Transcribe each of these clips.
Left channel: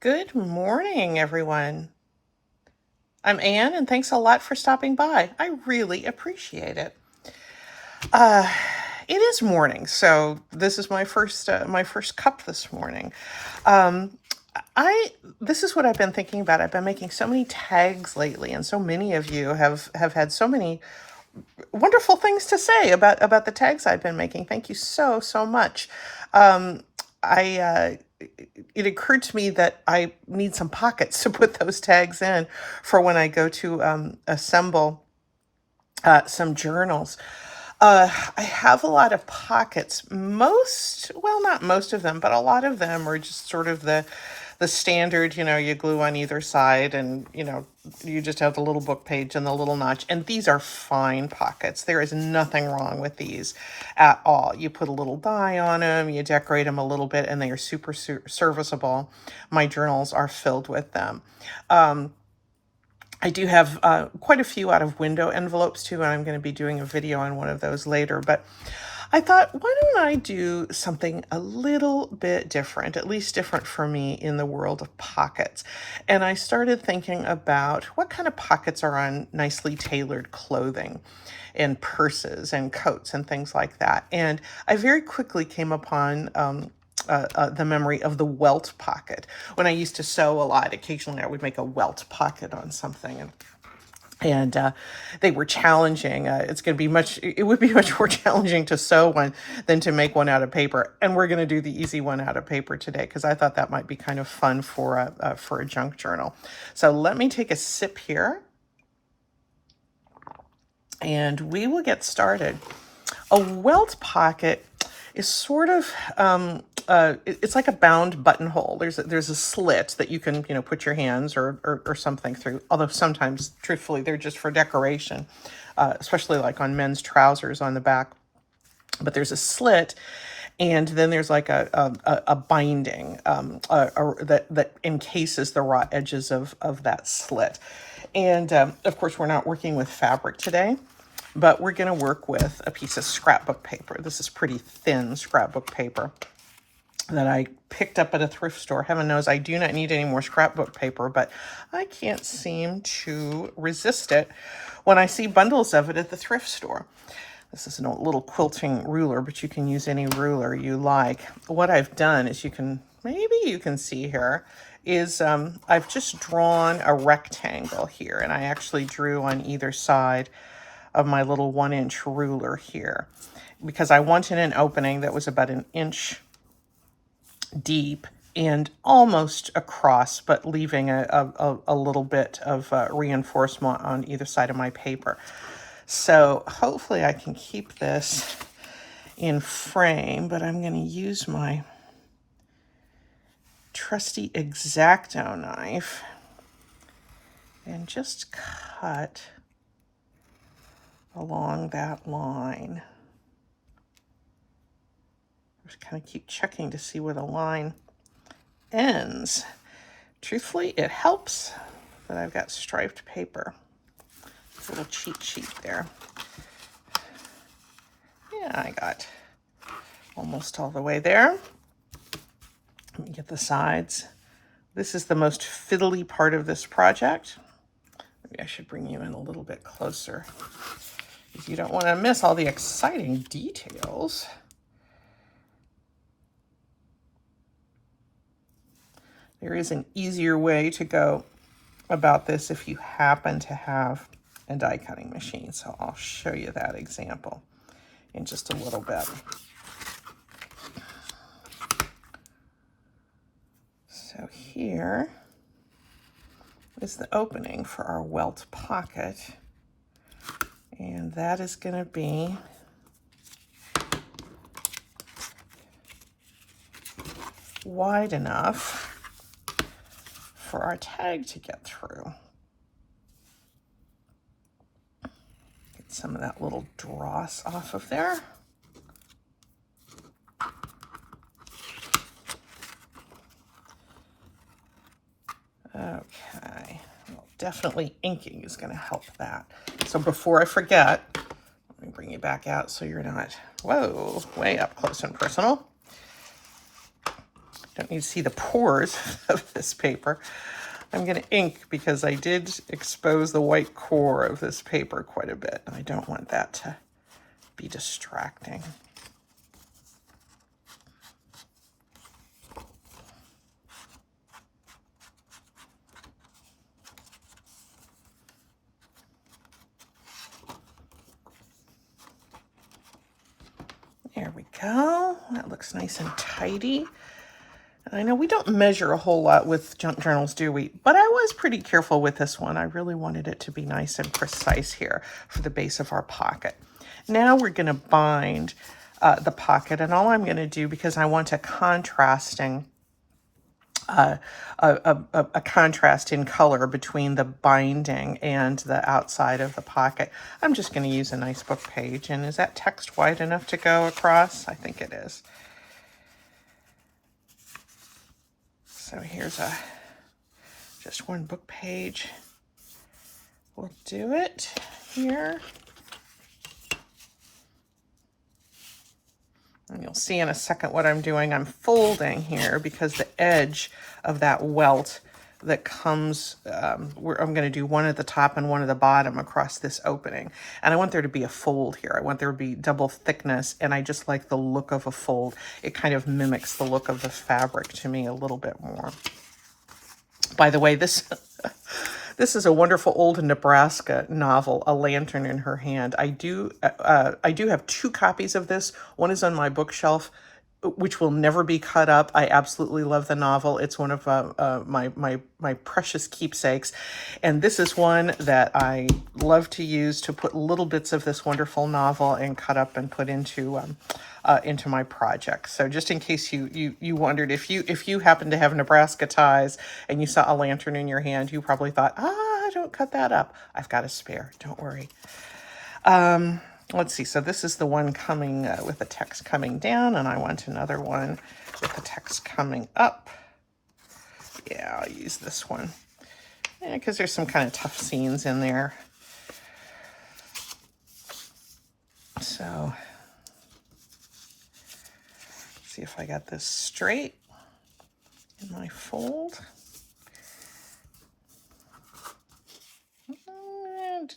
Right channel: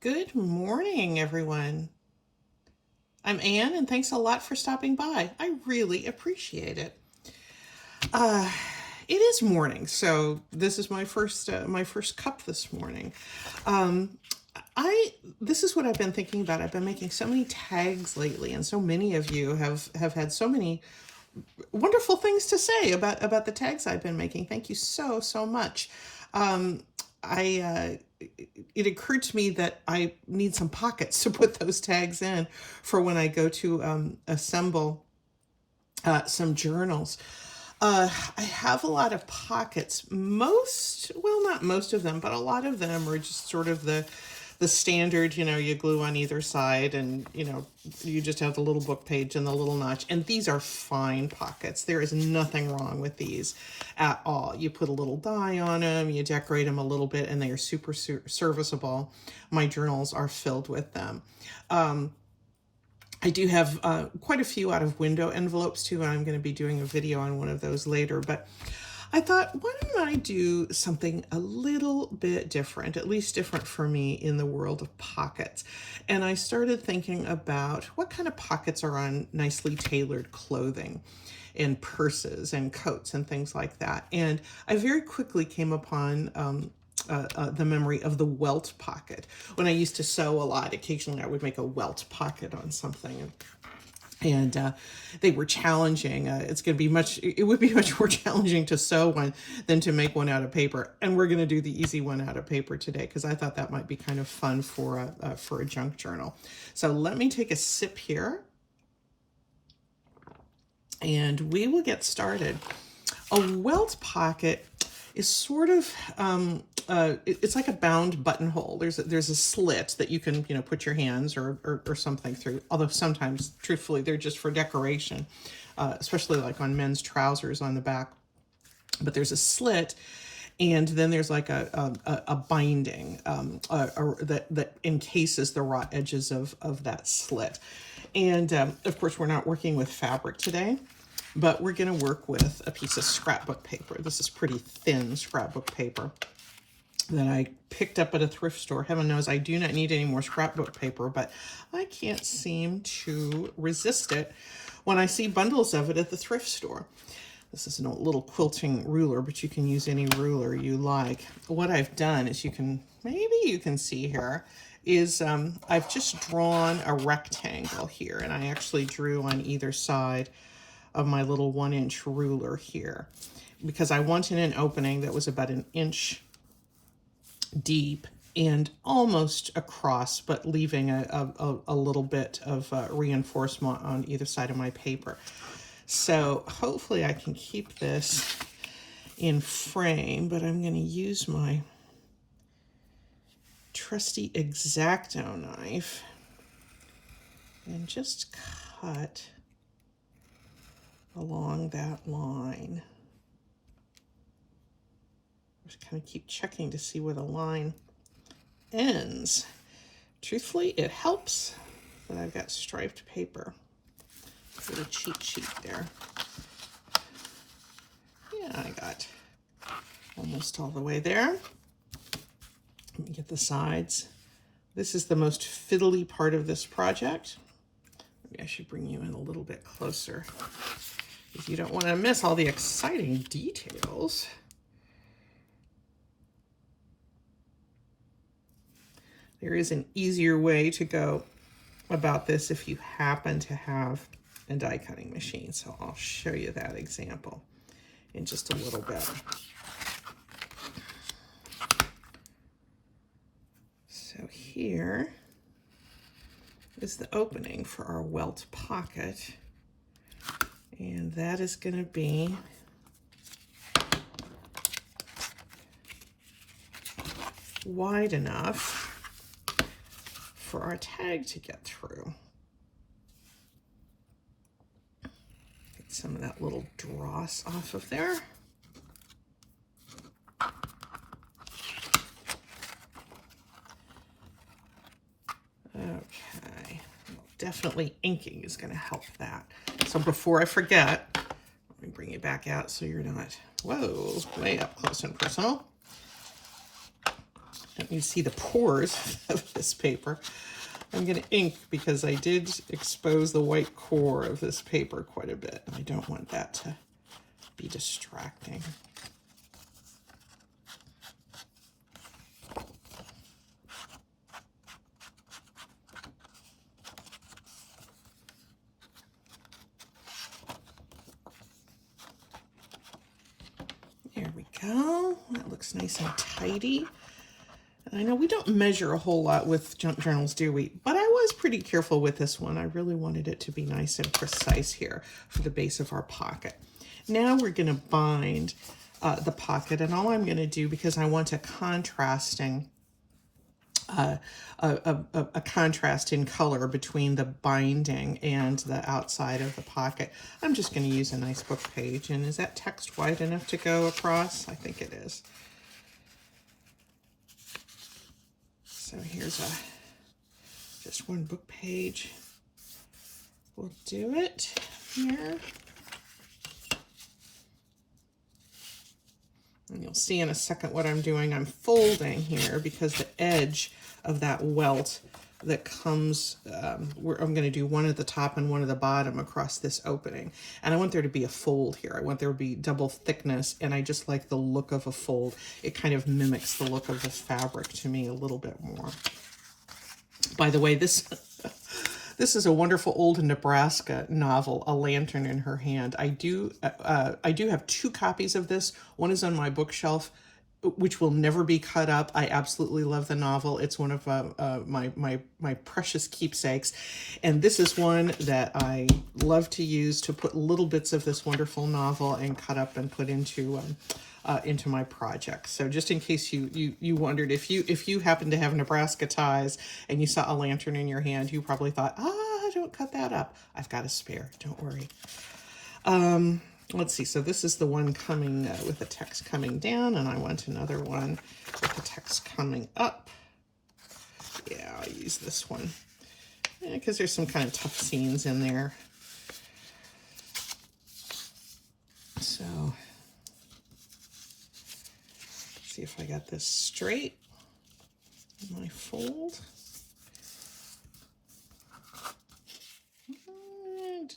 Good morning, everyone. I'm Anne, and thanks a lot for stopping by. I really appreciate it. Uh, it is morning, so this is my first cup this morning. Um, I This is what I've been thinking about. I've been making so many tags lately, and so many of you have had so many wonderful things to say about the tags I've been making. Thank you so much. Um, I It occurred to me that I need some pockets to put those tags in for when I go to assemble some journals. I have a lot of pockets. Well, not most of them, but a lot of them are just sort of the standard, you glue on either side and, you just have the little book page and the little notch. And these are fine pockets. There is nothing wrong with these at all. You put a little die on them, you decorate them a little bit, and they are super serviceable. My journals are filled with them. I do have quite a few out of window envelopes too, and I'm going to be doing a video on one of those later. But I thought, why don't I do something a little bit different, at least different for me in the world of pockets? And I started thinking about what kind of pockets are on nicely tailored clothing and purses and coats and things like that. And I very quickly came upon the memory of the welt pocket. When I used to sew a lot, occasionally I would make a welt pocket on something, and they were challenging. It would be much more challenging to sew one than to make one out of paper. And we're going to do the easy one out of paper today because I thought that might be kind of fun for a junk journal. So let me take a sip here, and we will get started. A welt pocket is sort of it's like a bound buttonhole. There's a slit that you can put your hands or something through. Although sometimes, truthfully, they're just for decoration, especially like on men's trousers on the back. But there's a slit, and then there's like a binding that encases the raw edges of that slit. And of course, we're not working with fabric today, but we're going to work with a piece of scrapbook paper. This is pretty thin scrapbook paper that I picked up at a thrift store. Heaven knows I do not need any more scrapbook paper, but I can't seem to resist it when I see bundles of it at the thrift store. This is a little quilting ruler, but you can use any ruler you like. What I've done is maybe you can see here, is I've just drawn a rectangle here, and I actually drew on either side of my little 1-inch ruler here because I wanted an opening that was about an inch deep and almost across, but leaving a little bit of reinforcement on either side of my paper. So hopefully I can keep this in frame, but I'm going to use my trusty X-Acto knife and just cut along that line. Just kind of keep checking to see where the line ends. Truthfully, it helps that I've got striped paper. A little cheat sheet there. Yeah, I got almost all the way there. Let me get the sides. This is the most fiddly part of this project. Maybe I should bring you in a little bit closer because you don't want to miss all the exciting details. There is an easier way to go about this if you happen to have a die cutting machine. So I'll show you that example in just a little bit. So here is the opening for our welt pocket. And that is going to be wide enough for our tag to get through. Get some of that little dross off of there. Okay, well, definitely inking is going to help that. So before I forget, let me bring you back out so you're not, whoa, way up close and personal. Don't don't need to see the pores of this paper. I'm going to ink because I did expose the white core of this paper quite a bit. And I don't want that to be distracting. There we go. That looks nice and tidy. I know we don't measure a whole lot with junk journals, do we? But I was pretty careful with this one. I really wanted it to be nice and precise here for the base of our pocket. Now we're going to bind the pocket, and all I'm going to do, because I want a contrasting a contrast in color between the binding and the outside of the pocket, I'm just going to use a nice book page. And is that text wide enough to go across? I think it is. So here's just one book page. We'll do it here. And you'll see in a second what I'm doing. I'm folding here because the edge of that welt that comes, I'm going to do one at the top and one at the bottom across this opening. And I want there to be a fold here. I want there to be double thickness, and I just like the look of a fold. It kind of mimics the look of the fabric to me a little bit more. By the way, this is a wonderful old Nebraska novel, A Lantern in Her Hand. I do have 2 copies of this. One is on my bookshelf, which will never be cut up. I absolutely love the novel. It's one of my precious keepsakes. And this is one that I love to use to put little bits of this wonderful novel and cut up and put into my project. So just in case you wondered, if you happen to have Nebraska ties and you saw A Lantern in your hand, you probably thought, don't cut that up. I've got a spare, don't worry. Let's see, so this is the one coming with the text coming down, and I want another one with the text coming up. Yeah, I'll use this one. Yeah, because there's some kind of tough scenes in there. So, see if I got this straight in my fold.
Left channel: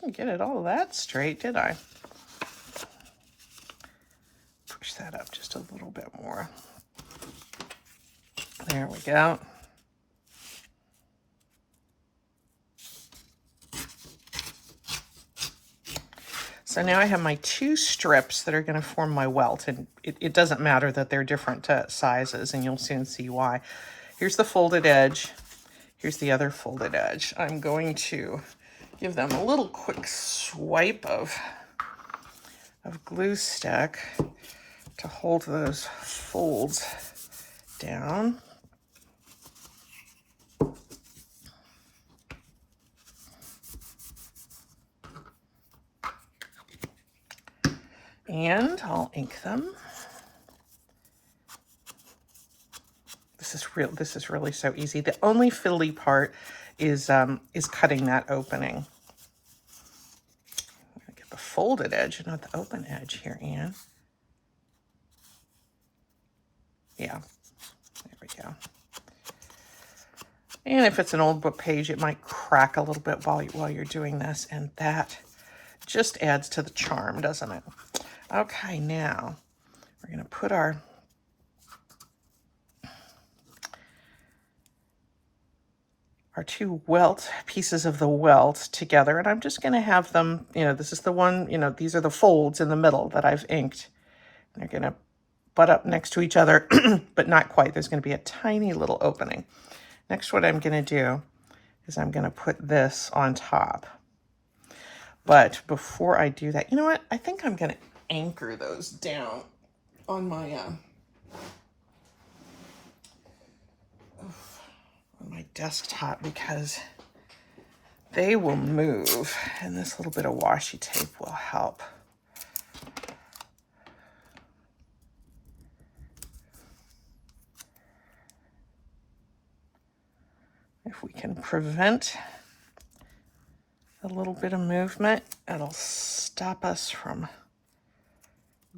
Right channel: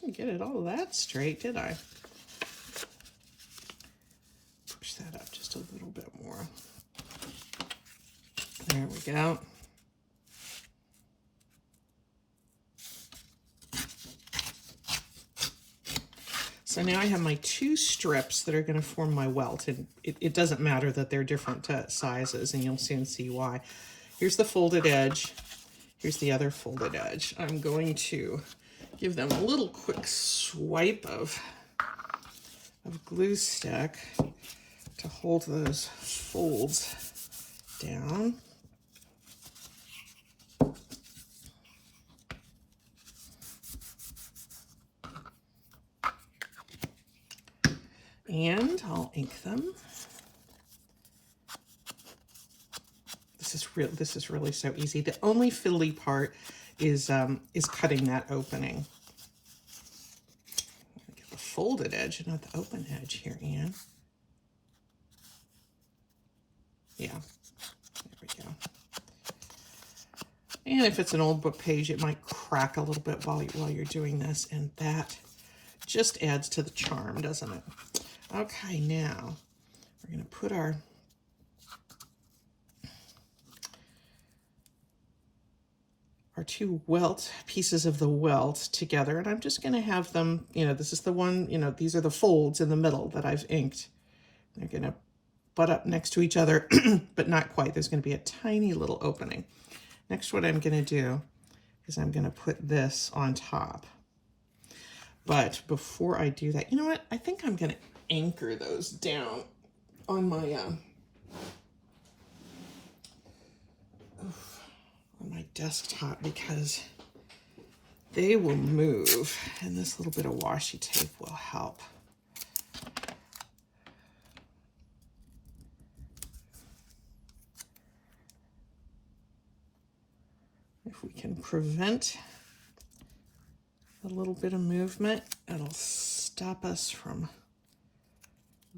Didn't get it all that straight, did I? Push that up just a little bit more. There we go. So now I have my 2 strips that are going to form my welt, and it doesn't matter that they're different sizes, and you'll soon see why. Here's the folded edge. Here's the other folded edge. I'm going to give them a little quick swipe of glue stick to hold those folds down. And I'll ink them. This is really so easy. The only fiddly part is cutting that opening. I'm gonna get the folded edge, not the open edge here, Anne. Yeah, there we go. And if it's an old book page, it might crack a little bit while you're doing this, and that just adds to the charm, doesn't it? Okay, now we're going to put our two welt pieces of the welt together, and I'm just going to have them, this is the one, these are the folds in the middle that I've inked. They're going to butt up next to each other, but not quite. There's going to be a tiny little opening. Next, what I'm going to do is I'm going to put this on top. But before I do that, you know what? I think I'm going to anchor those down on my desktop, because they will move, and this little bit of washi tape will help. If we can prevent a little bit of movement, it'll stop us from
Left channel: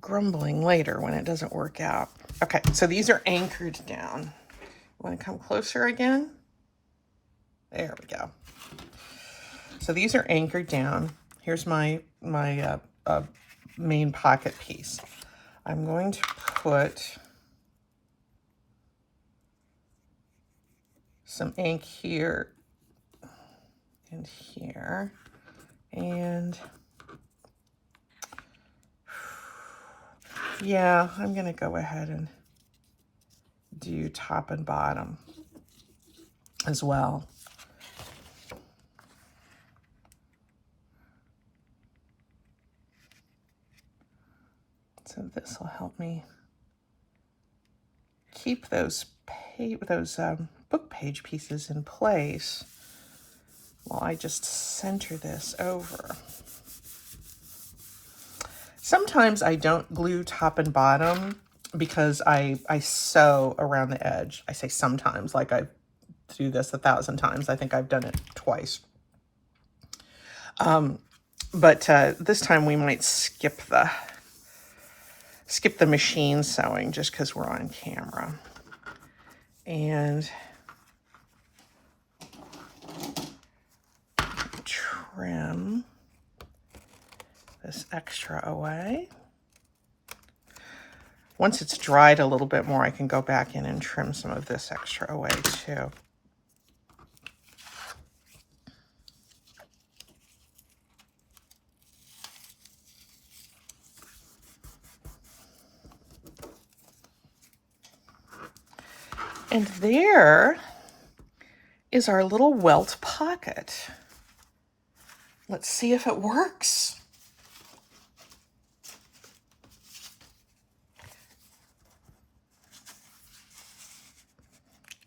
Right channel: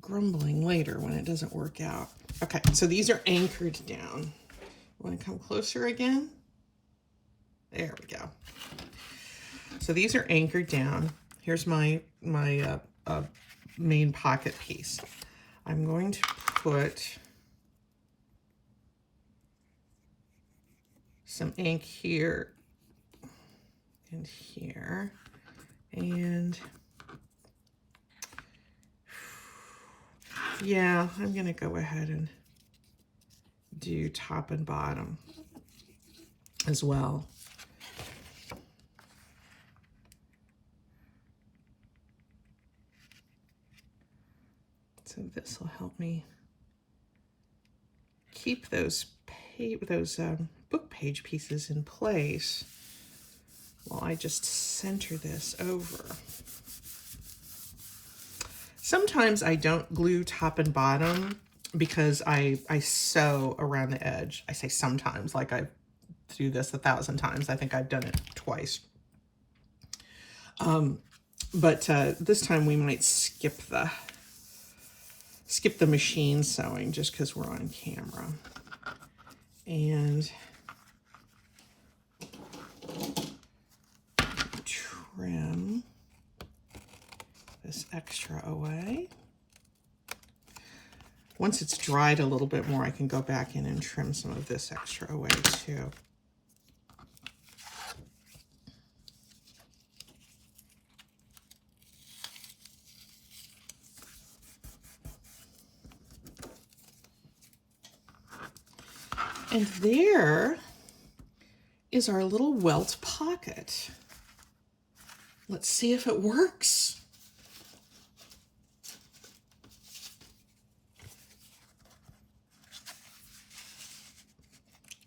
grumbling later when it doesn't work out. Okay, so these are anchored down. Want to come closer again? There we go. So these are anchored down. Here's my main pocket piece. I'm going to put some ink here and here, and yeah, I'm gonna go ahead and do top and bottom as well. So this will help me keep those book page pieces in place while I just center this over. Sometimes I don't glue top and bottom because I sew around the edge. I say sometimes, like I do this 1,000 times. I think I've done it twice. But this time we might skip the machine sewing just because we're on camera. And trim this extra away. Once it's dried a little bit more, I can go back in and trim some of this extra away too. And there is our little welt pocket. Let's see if it works.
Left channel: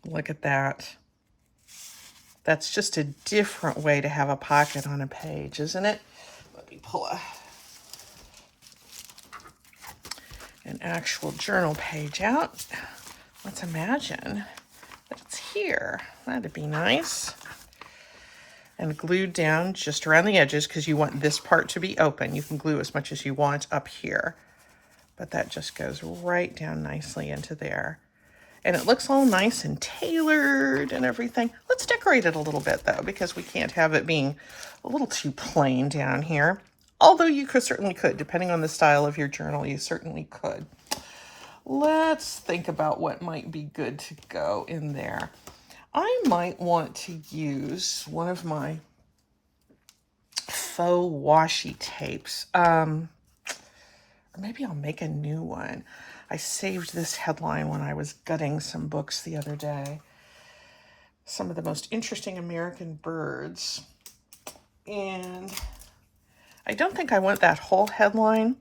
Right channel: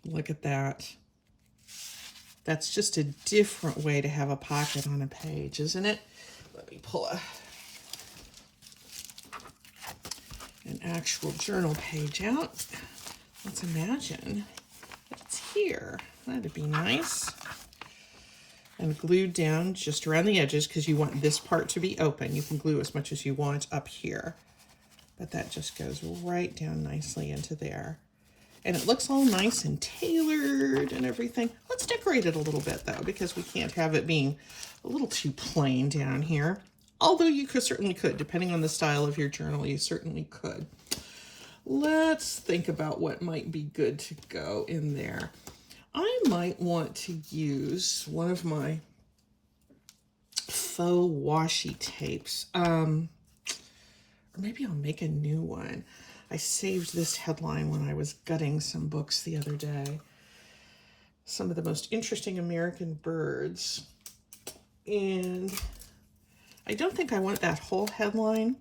Look at that. That's just a different way to have a pocket on a page, isn't it? Let me pull an actual journal page out. Let's imagine that it's here. That'd be nice. And glued down just around the edges because you want this part to be open. You can glue as much as you want up here, but that just goes right down nicely into there. And it looks all nice and tailored and everything. Let's decorate it a little bit though, because we can't have it being a little too plain down here. Although you certainly could, depending on the style of your journal, you certainly could. Let's think about what might be good to go in there. I might want to use one of my faux washi tapes. Or maybe I'll make a new one. I saved this headline when I was gutting some books the other day. Some of the most interesting American birds. And I don't think I want that whole headline,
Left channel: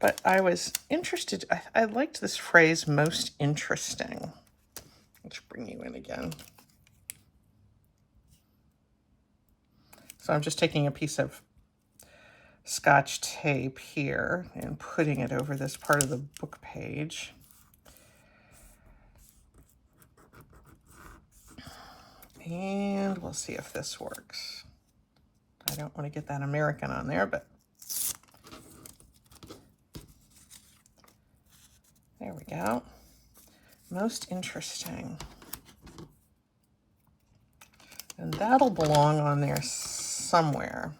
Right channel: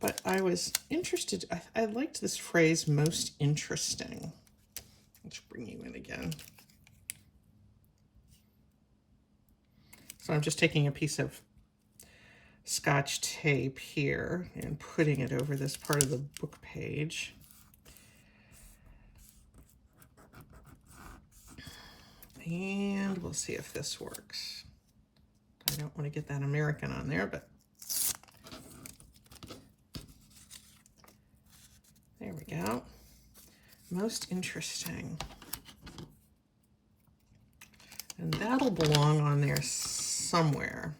but I was interested. I liked this phrase, most interesting. Let's bring you in again. So I'm just taking a piece of Scotch tape here and putting it over this part of the book page. And we'll see if this works. I don't want to get that American on there, but there we go. Most interesting. And that'll belong on there somewhere.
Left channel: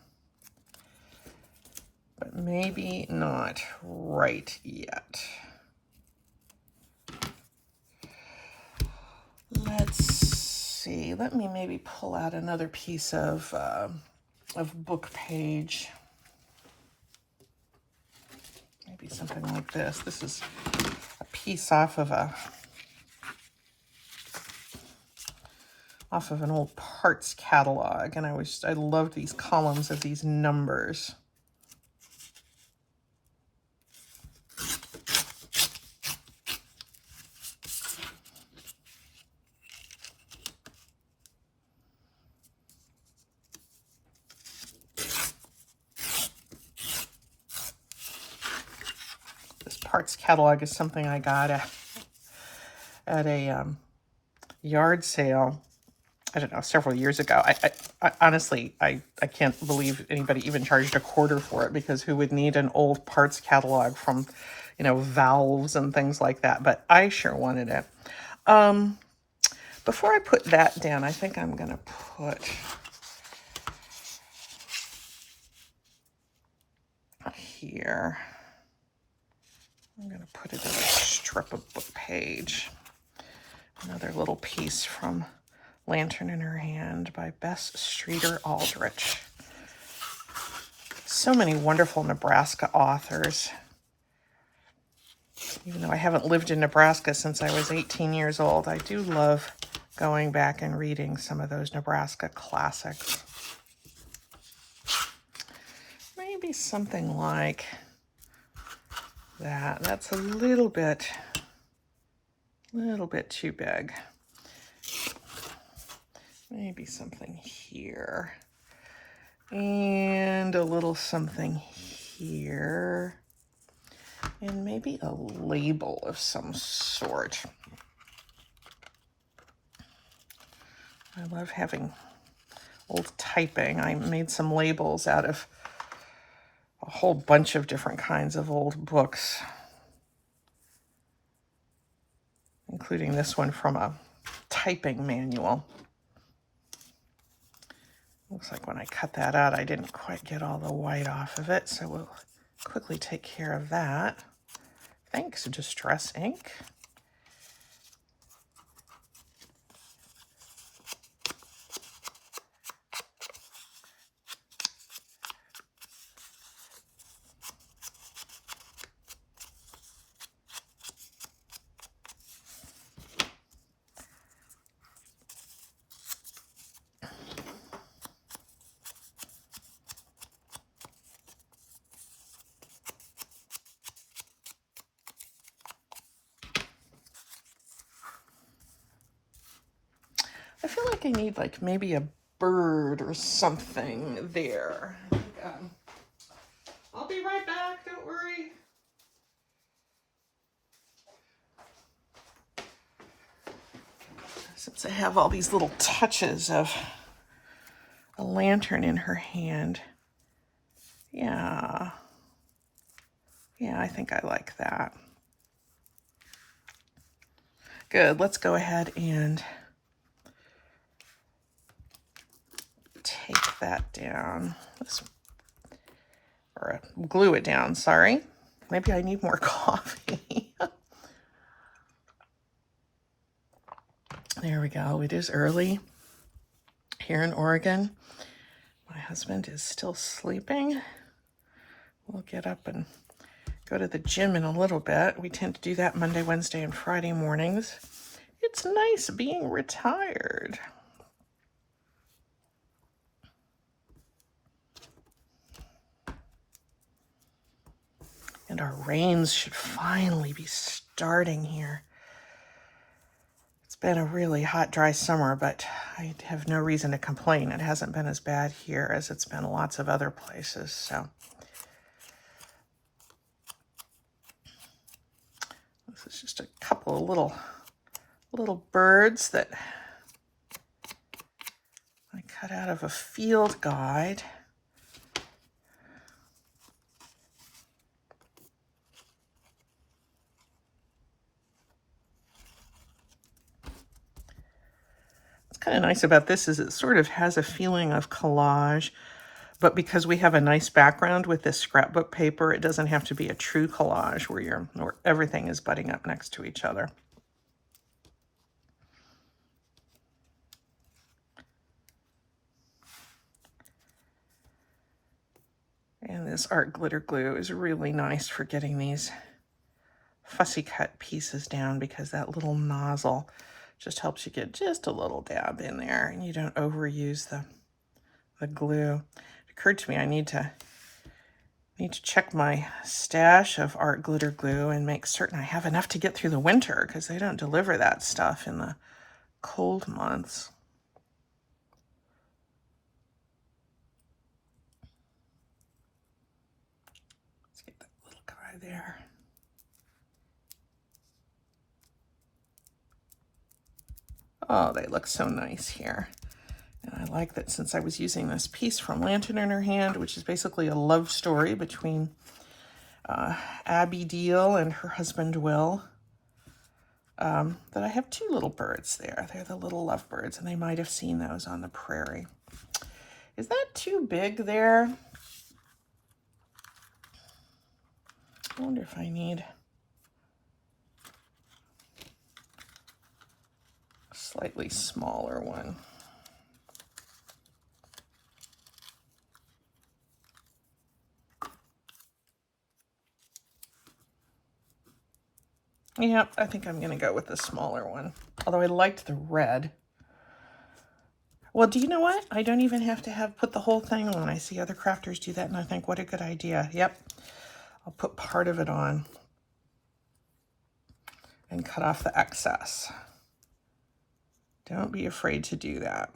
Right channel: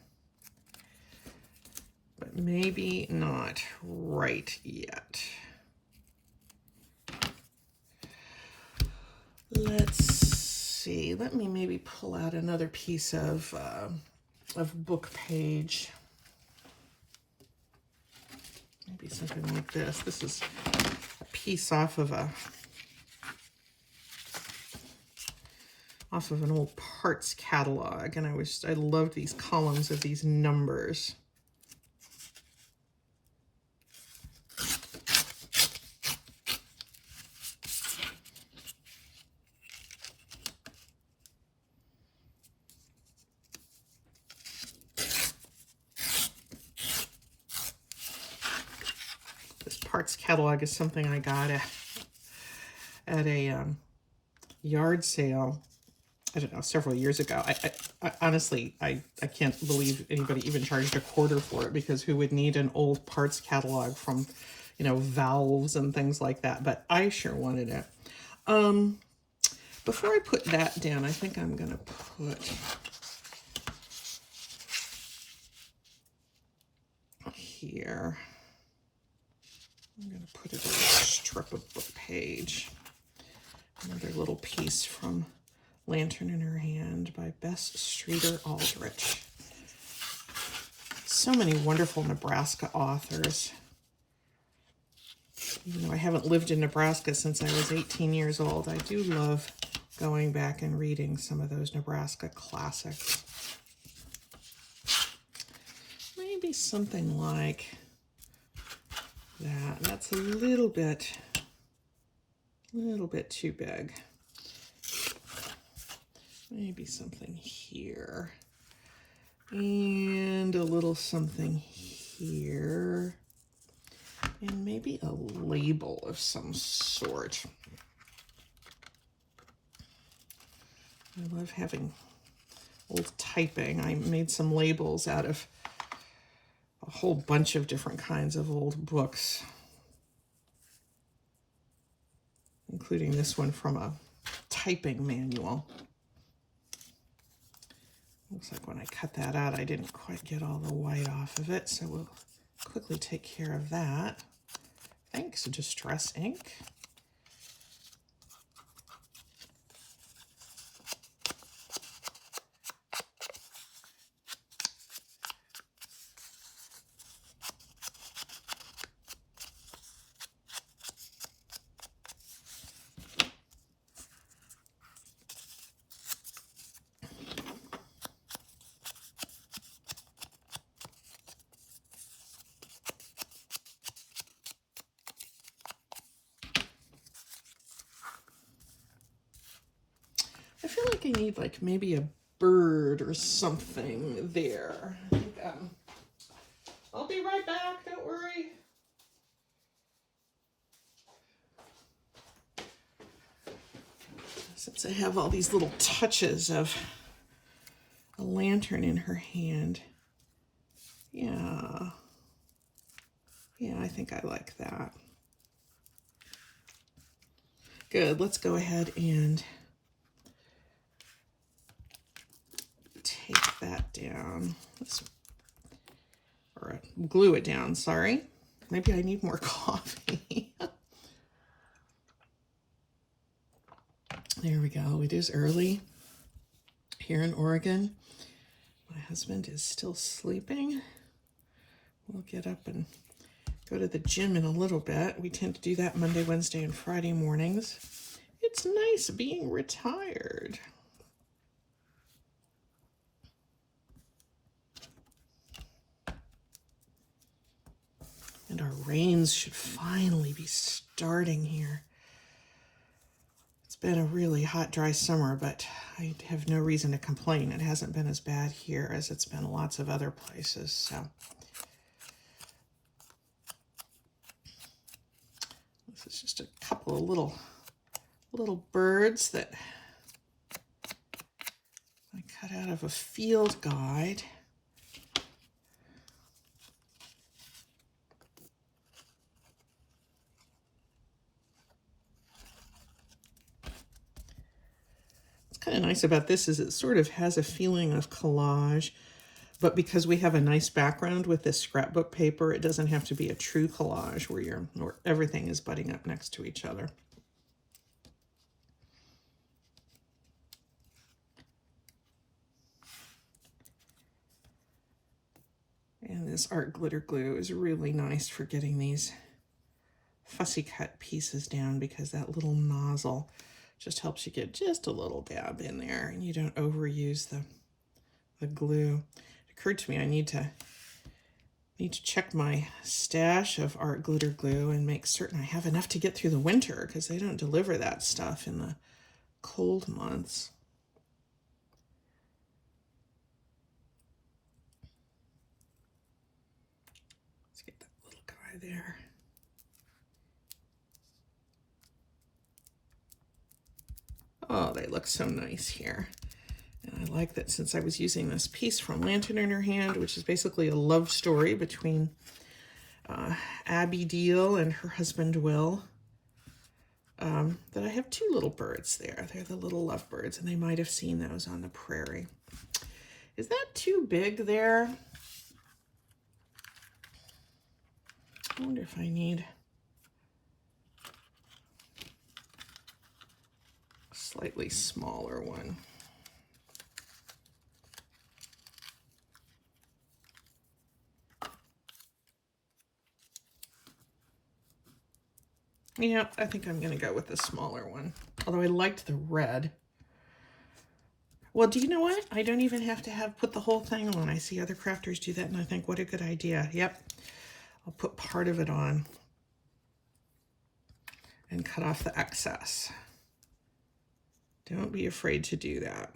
But maybe not right yet. Let's see. Let me maybe pull out another piece of book page. Maybe something like this. This is a piece off of an old parts catalog, and I loved these columns of these numbers. This parts catalog is something I got at a yard sale, I don't know, several years ago. I honestly, I can't believe anybody even charged $0.25 for it, because who would need an old parts catalog from, valves and things like that? But I sure wanted it. Before I put that down, I think I'm going to put here. I'm going to put it in a strip of book page. Another little piece from Lantern in Her Hand by Bess Streeter Aldrich. So many wonderful Nebraska authors. Even though I haven't lived in Nebraska since I was 18 years old, I do love going back and reading some of those Nebraska classics. Maybe something like that. That's a little bit too big. Maybe something here. And a little something here. And maybe a label of some sort. I love having old typing. I made some labels out of a whole bunch of different kinds of old books, including this one from a typing manual. Looks like when I cut that out, I didn't quite get all the white off of it, so we'll quickly take care of that. Thanks, Distress Ink. I feel like I need like maybe a bird or something there. I'll be right back, don't worry. Since I have all these little touches of a lantern in her hand. Yeah, I think I like that. Good, let's go ahead and take that down. Or glue it down, sorry. Maybe I need more coffee. There we go. It is early here in Oregon. My husband is still sleeping. We'll get up and go to the gym in a little bit. We tend to do that Monday, Wednesday, and Friday mornings. It's nice being retired. And our rains should finally be starting here. It's been a really hot, dry summer, but I have no reason to complain. It hasn't been as bad here as it's been lots of other places, so. This is just a couple of little birds that I cut out of a field guide. Kind of nice about this is it sort of has a feeling of collage, but because we have a nice background with this scrapbook paper, it doesn't have to be a true collage where everything is butting up next to each other. And this art glitter glue is really nice for getting these fussy cut pieces down, because that little nozzle just helps you get just a little dab in there and you don't overuse the glue. It occurred to me I need to check my stash of art glitter glue and make certain I have enough to get through the winter, because they don't deliver that stuff in the cold months. Let's get that little guy there. Oh, they look so nice here. And I like that since I was using this piece from Lantern in Her Hand, which is basically a love story between Abby Deal and her husband Will. that I have two little birds there. They're the little lovebirds, and they might have seen those on the prairie. Is that too big there? I wonder if I need a slightly smaller one. Yep, I think I'm going to go with the smaller one. Although I liked the red. Well, do you know what? I don't even have to put the whole thing on. I see other crafters do that, and I think, what a good idea. Yep, I'll put part of it on and cut off the excess. Don't be afraid to do that.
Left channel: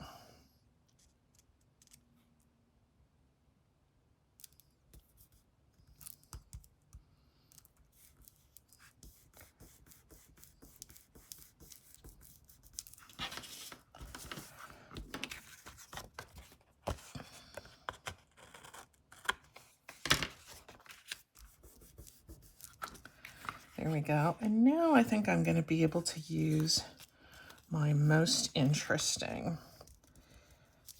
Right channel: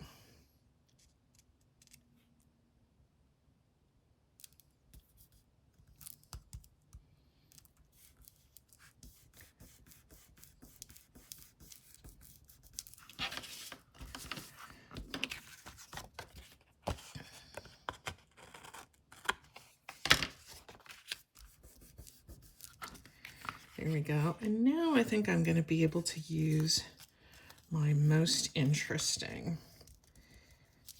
There we go. And now I think I'm going to be able to use my most interesting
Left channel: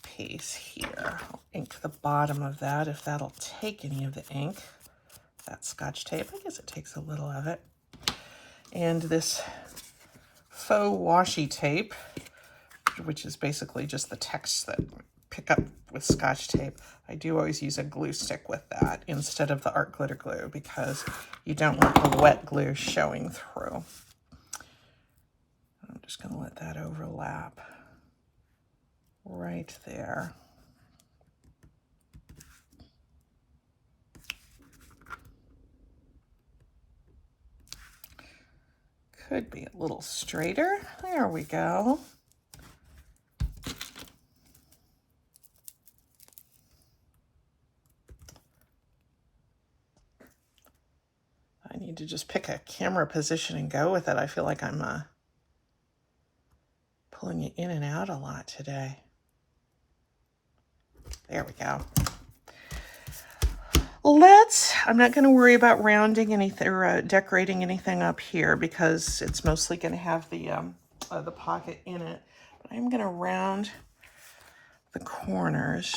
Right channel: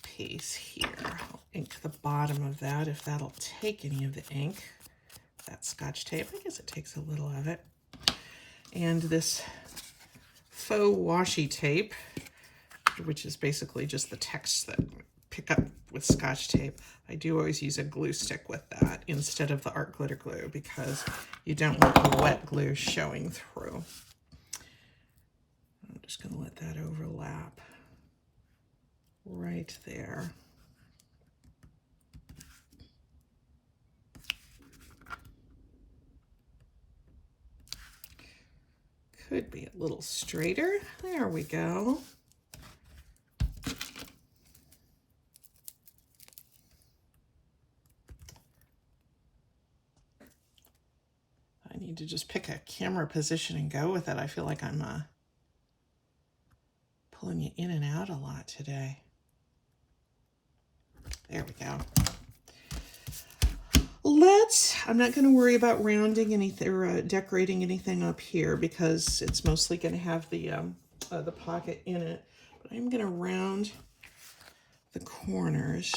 piece here. I'll ink the bottom of that if that'll take any of the ink. That Scotch tape, I guess it takes a little of it. And this faux washi tape, which is basically just the text that pick up with Scotch tape. I do always use a glue stick with that instead of the art glitter glue because you don't want the wet glue showing through. I'm just going to let that overlap right there. Could be a little straighter. There we go. I need to just pick a camera position and go with it. I feel like I'm pulling you in and out a lot today. There we go. I'm not going to worry about rounding anything or decorating anything up here because it's mostly going to have the pocket in it. But I'm going to round the corners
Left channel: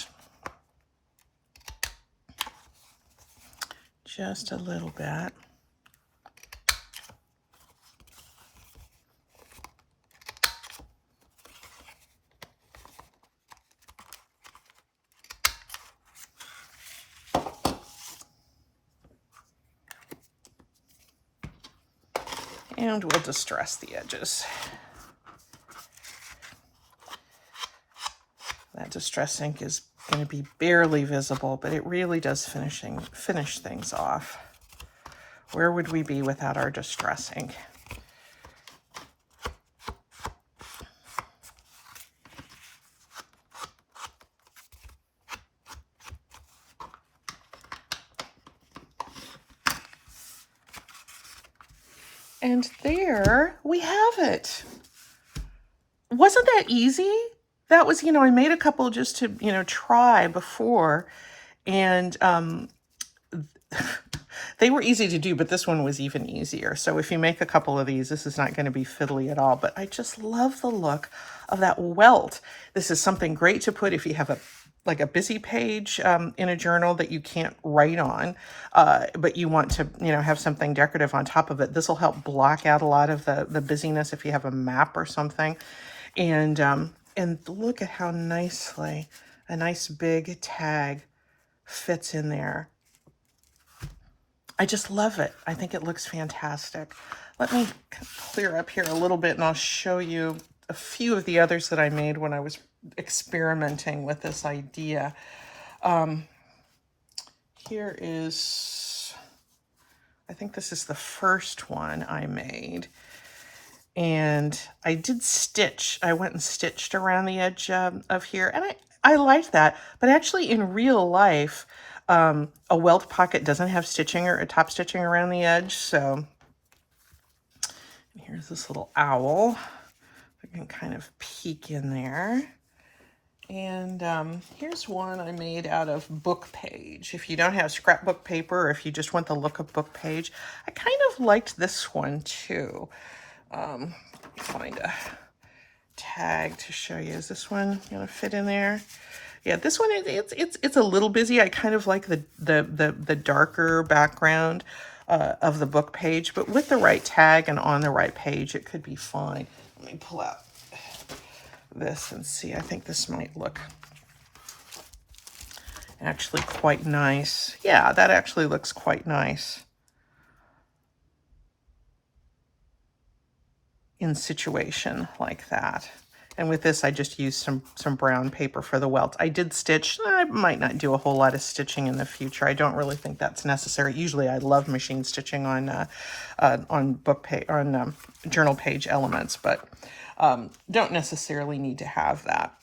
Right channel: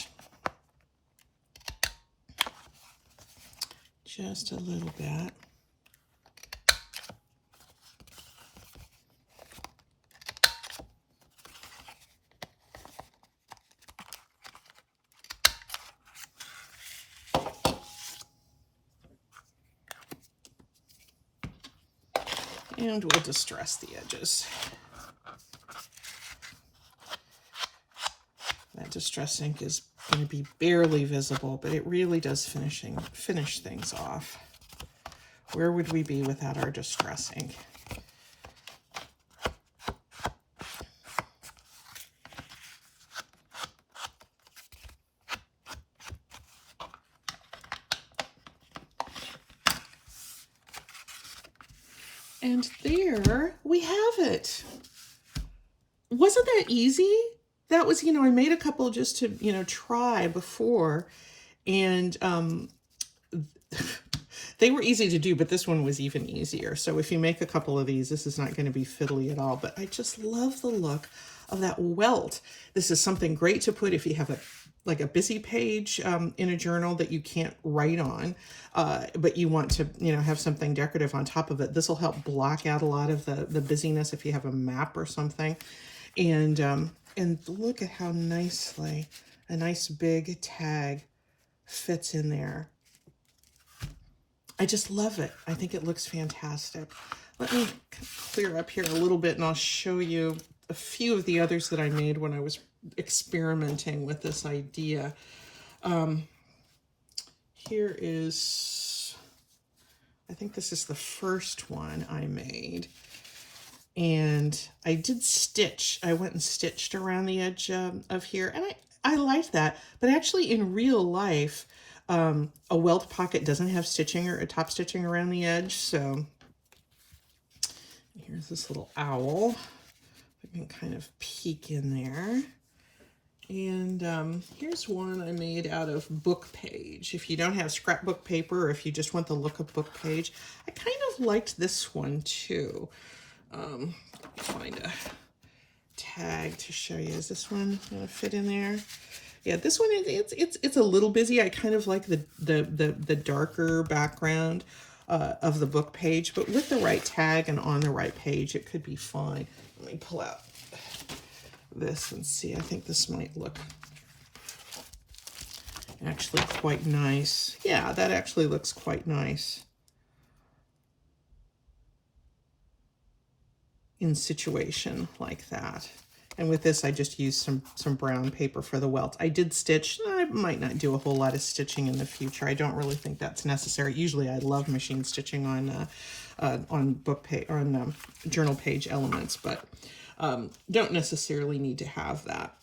just a little bit. And we'll distress the edges. That distress ink is going to be barely visible, but it really does finish things off. Where would we be without our distress ink? And there we have it. Wasn't that easy? That was, I made a couple just to, try before, and they were easy to do, but this one was even easier. So if you make a couple of these, this is not going to be fiddly at all, but I just love the look of that welt. This is something great to put if you have a busy page in a journal that you can't write on, but you want to, have something decorative on top of it. This will help block out a lot of the busyness if you have a map or something. And look at how nicely a nice big tag fits in there. I just love it. I think it looks fantastic. Let me clear up here a little bit and I'll show you a few of the others that I made when I was experimenting with this idea. Here is, I think this is the first one I made. And I did stitch. I went and stitched around the edge of here. And I like that. But actually in real life, a welt pocket doesn't have stitching or top stitching around the edge. So here's this little owl. I can kind of peek in there. And here's one I made out of book page. If you don't have scrapbook paper or if you just want the look of book page, I kind of liked this one too. Let me find a tag to show you. Is this one gonna fit in there? Yeah, this one it's a little busy. I kind of like the darker background of the book page, but with the right tag and on the right page, it could be fine. Let me pull out this and see. I think this might look actually quite nice. Yeah, that actually looks quite nice in situation like that. And with this, I just used some brown paper for the welt. I did stitch. I might not do a whole lot of stitching in the future. I don't really think that's necessary. Usually, I love machine stitching on book page, on journal page elements, but don't necessarily need to have that.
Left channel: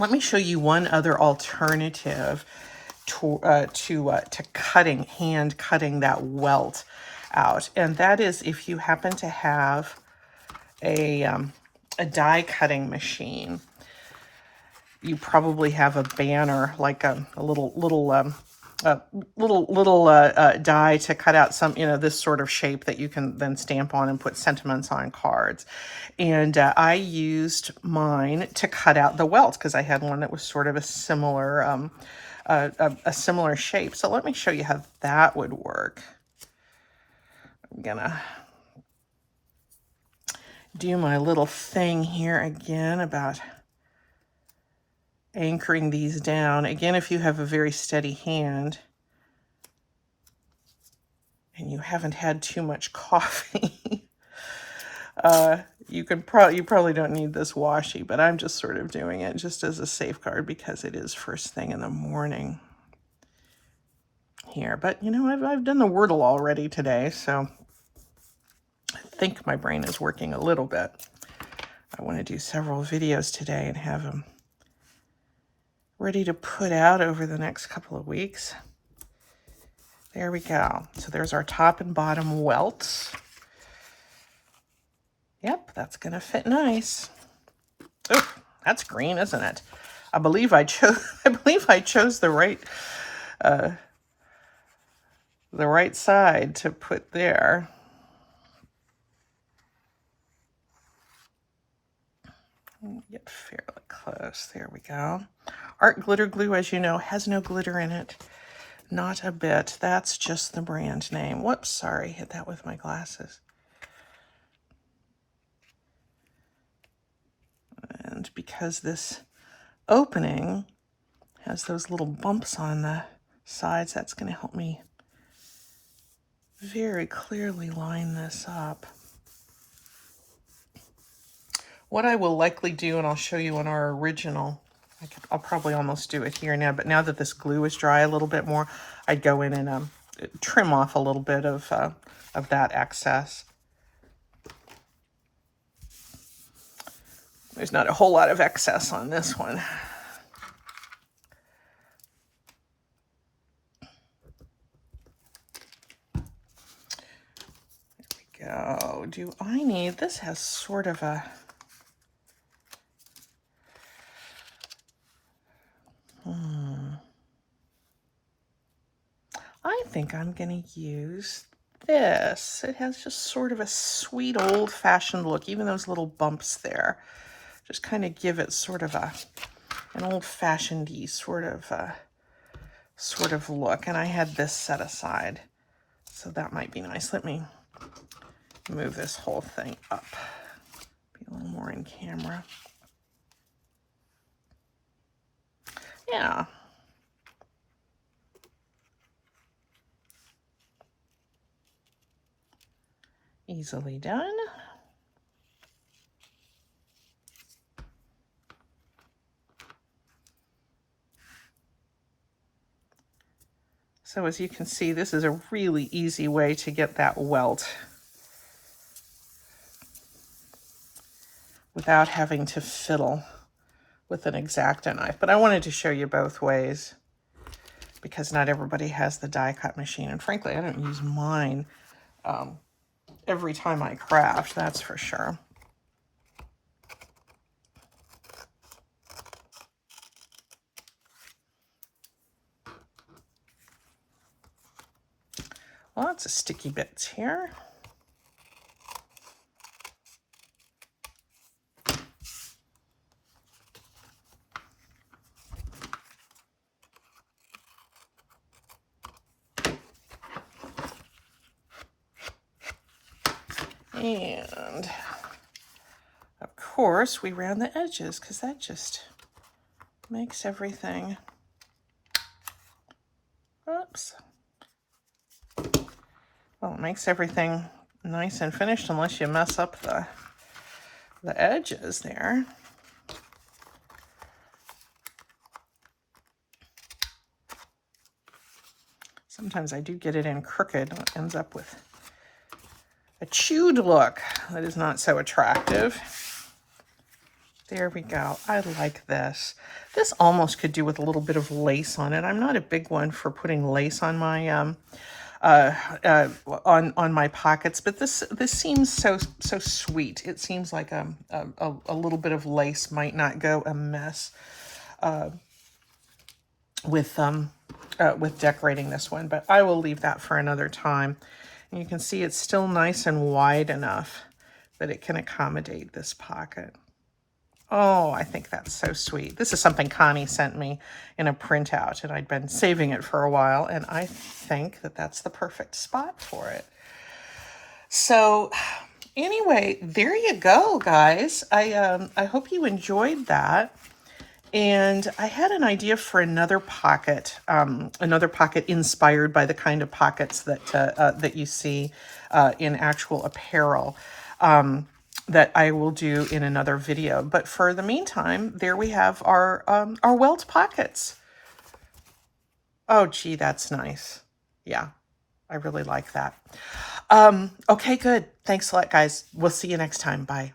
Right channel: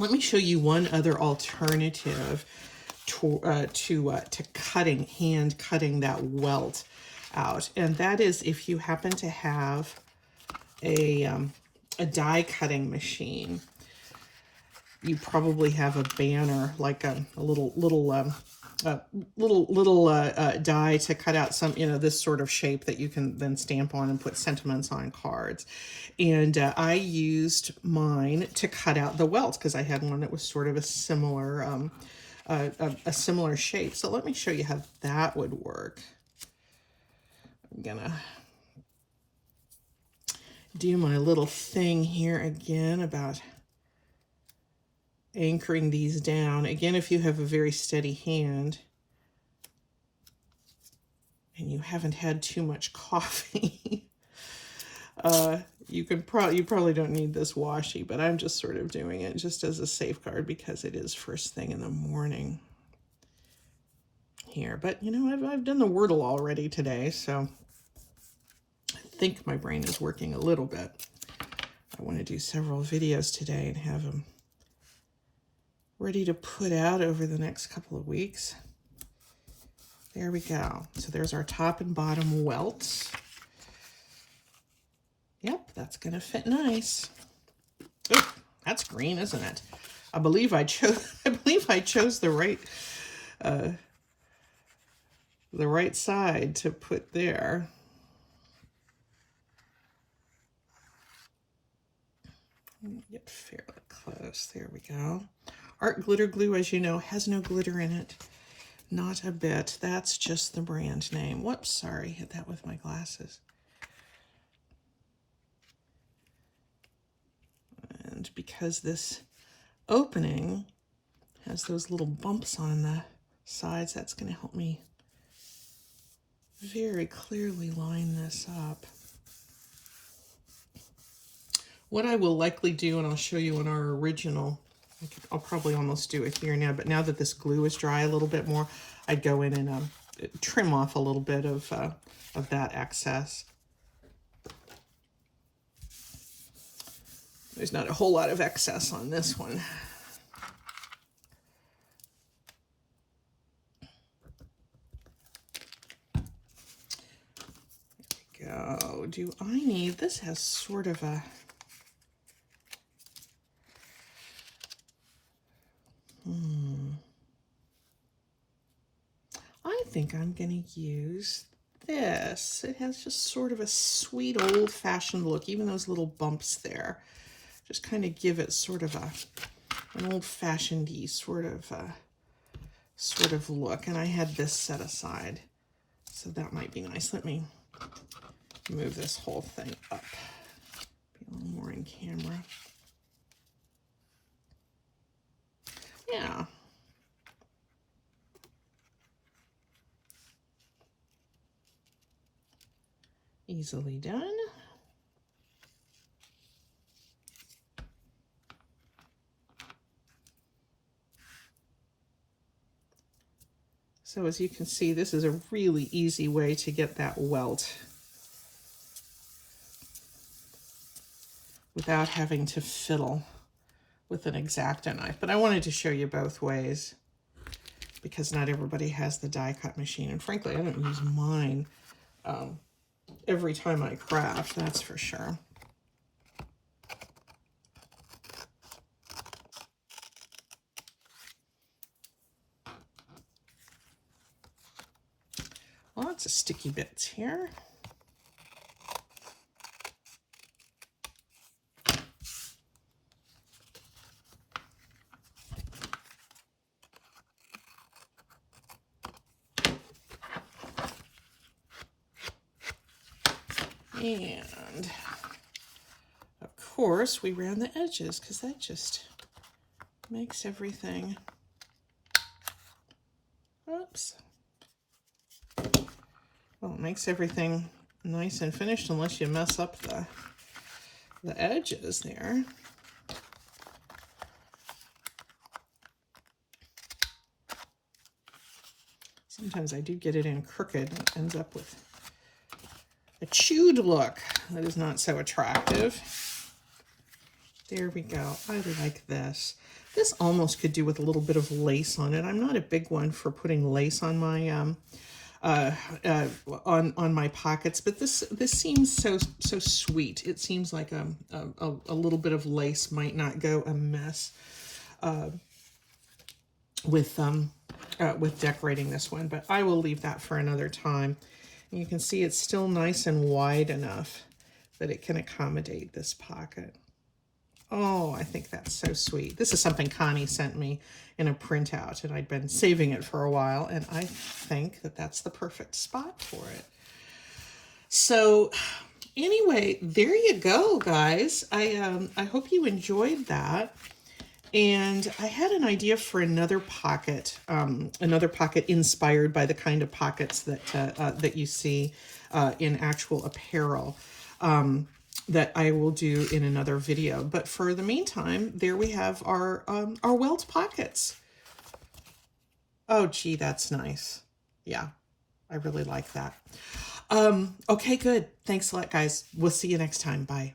Let me show you one other alternative to cutting, hand cutting that welt out, and that is if you happen to have a die cutting machine. You probably have a banner, like a little die to cut out some, this sort of shape that you can then stamp on and put sentiments on cards. And I used mine to cut out the welt because I had one that was sort of a similar similar shape. So let me show you how that would work. I'm gonna do my little thing here again about anchoring these down. Again, if you have a very steady hand and you haven't had too much coffee, you probably don't need this washi, but I'm just sort of doing it just as a safeguard because it is first thing in the morning here. But I've done the Wordle already today, so I think my brain is working a little bit. I want to do several videos today and have them ready to put out over the next couple of weeks. There we go. So there's our top and bottom welts. Yep, that's gonna fit nice. Oh, that's green, isn't it? I believe I chose the right side to put there. Get fairly close. There we go. Art Glitter Glue, as you know, has no glitter in it. Not a bit. That's just the brand name. Whoops, sorry. Hit that with my glasses. And because this opening has those little bumps on the sides, that's going to help me very clearly line this up. What I will likely do, and I'll show you on our original, I'll probably almost do it here now, but now that this glue is dry a little bit more, I'd go in and trim off a little bit of that excess. There's not a whole lot of excess on this one. There we go. Do I need, this has sort of a, I think I'm going to use this. It has just sort of a sweet old-fashioned look, even those little bumps there. Just kind of give it sort of an old-fashioned-y sort of look. And I had this set aside, so that might be nice. Let me move this whole thing up. Be a little more in camera. Yeah. Easily done. So as you can see, this is a really easy way to get that welt without having to fiddle with an X-Acto knife. But I wanted to show you both ways because not everybody has the die cut machine. And frankly, I don't use mine every time I craft, that's for sure. Lots of sticky bits here. And of course we round the edges because that just makes everything, oops. Well, it makes everything nice and finished unless you mess up the edges there. Sometimes I do get it in crooked and it ends up with a chewed look that is not so attractive. There we go. I like this. This almost could do with a little bit of lace on it. I'm not a big one for putting lace on my on my pockets, but this seems so sweet. It seems like a little bit of lace might not go amiss with decorating this one, but I will leave that for another time. And you can see it's still nice and wide enough that it can accommodate this pocket. Oh, I think that's so sweet. This is something Connie sent me in a printout, and I'd been saving it for a while, and I think that that's the perfect spot for it. So anyway, there you go, guys. I hope you enjoyed that. And I had an idea for another pocket inspired by the kind of pockets that that you see in actual apparel. That I will do in another video. But for the meantime, there we have our welt pockets. Oh, gee, that's nice. Yeah, I really like that. Okay, good. Thanks a lot, guys. We'll see you next time. Bye.